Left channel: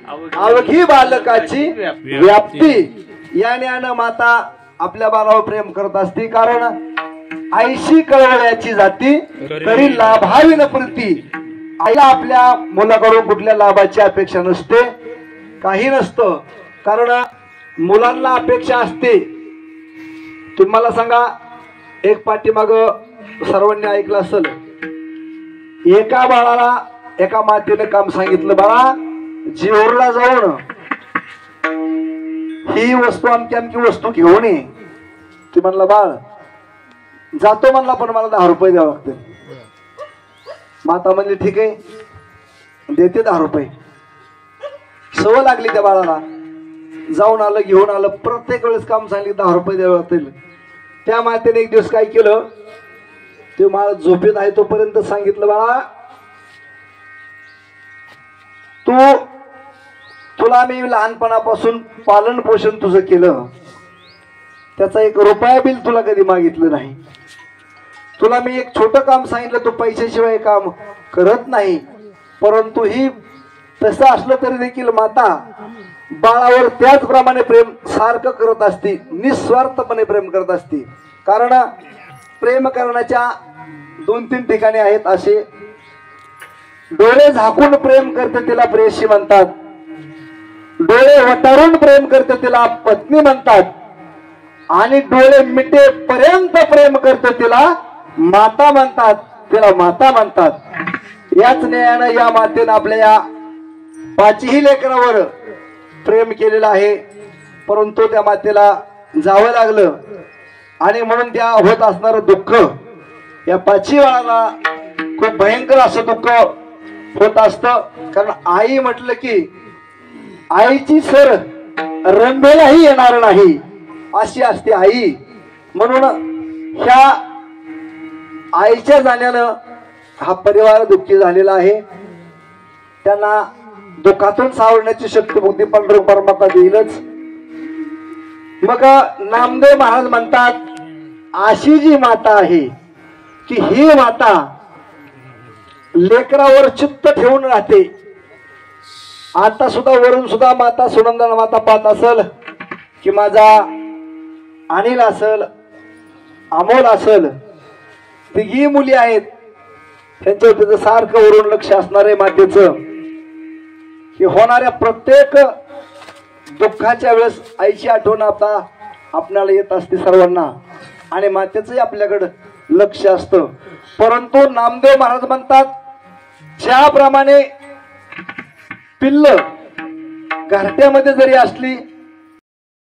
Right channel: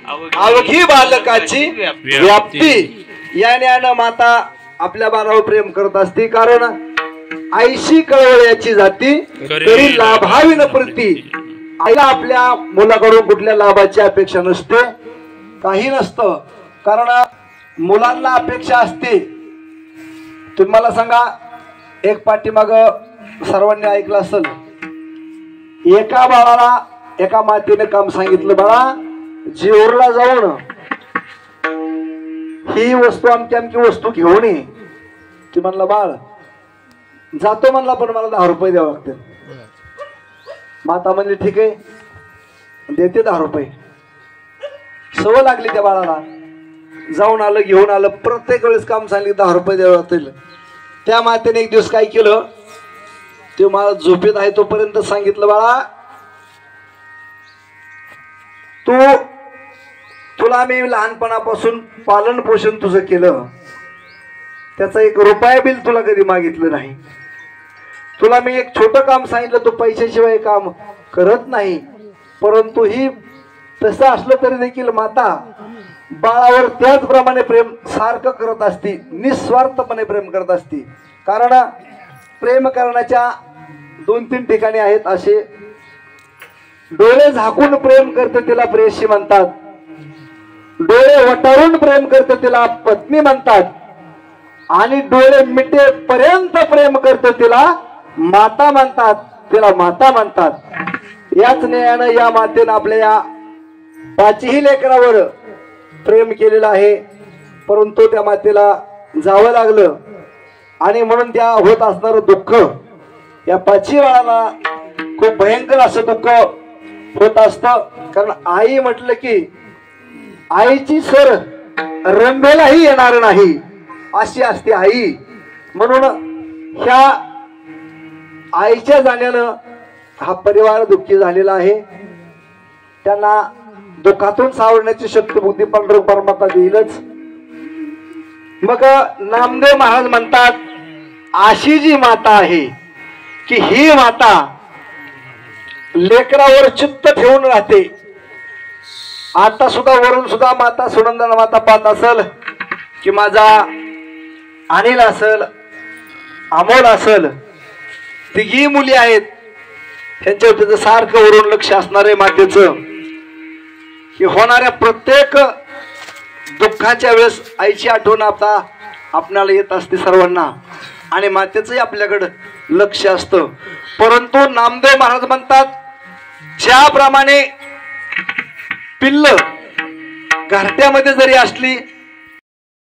अवघी बालकाची व्याप्ती या ज्ञान माता आपल्या बाळावर प्रेम करत असते, कारण आईशी कळवळ्याची जाती तरी लाभावी न प्रती. आईला आपल्या मुलाकडून कुठल्या लाभाची अपेक्षा नसते, काही नसतं, कारण मुलांना अपेक्षा असते. तुम्हाला सांगा, एक पाठीमाग सर्वांनी ऐकलं असेल, एका बाळाला एका मातेने काम सांगितलं, बाळा जेवरला जाऊन ही वस्तू आमची आमची वस्तू घेऊन ये. ती म्हणला बाळ जातो म्हणला, पण मला 10 रुपये द्यावं लागते. माता म्हणली ठीक आहे, देते 10 रुपये. सवय लागली त्या बाळाला, जाऊन आलं घेऊन आलं, प्रत्येक वेळेस काम सांगितलं 10 रुपये द्यावं लागतील. त्या मातेने एक दिवस काय केलं, ते मला झोपेत आहे तोपर्यंत सांगितलं, बाळा तुला मी लहानपणापासून पालन पोषण तुझं केलं, त्याचा 1 रुपया बिल तुला कधी मागितलं नाही. तुला मी एक छोटं काम सांगितलं, तू पैशाशिवाय काम करत नाही, परंतु ही तसं असलं तरी देखील माता बाळावर त्याचप्रमाणे प्रेम सारखं करत असते, निस्वार्थपणे प्रेम करत असते. कारण प्रेम करण्याच्या 2-3 ठिकाणी आहेत असे. डोळे झाकून प्रेम करते तिला प्रेयसी म्हणतात, डोळे वटारून प्रेम करते तिला पत्नी म्हणतात, आणि डोळे मिटेपर्यंत प्रेम करते तिला माता म्हणतात, तिला माता म्हणतात. याच न्यायानं या मातेनं आपल्या या 5ही लेकरावर प्रेम केलेलं आहे, परंतु त्या मातेला जावं लागलं, आणि म्हणून त्या होत असणारं दुःख या 5ही बाळाला खूप भयंकर असं दुःख होत असतं. कारण आई म्हटलं की आईची सर रंभेलाही येणार नाही अशी असते आई. म्हणून ह्या आईच्या जाण्यानं हा परिवार दुःखी झालेला आहे. त्यांना दुःखातून सावरण्याची शक्ती बुद्धी पंढरपूर परमात्मा देईलच. मग नामदेव महाराज म्हणतात, अशी जी माता आहे की ही माता लेकरावर चित्त ठेवून राहते. आता सुद्धा वरून सुद्धा माता सुनंदना माता पाहत असेल की माझा अनिल असेल, अमोल असेल, 3 मुली आहेत, त्यांच्यावर त्याचं सारखं वरून लक्ष असणार आहे मातेचं, की होणाऱ्या प्रत्येक दुःखाच्या वेळेस आईची आठवण आता आपल्याला येत असते सर्वांना, आणि मातेचंही आपल्याकडं लक्ष असतं. परंतु नामदेव महाराज म्हणतात, ज्याप्रमाणे पिल्ल घरट्यामध्ये जरी असली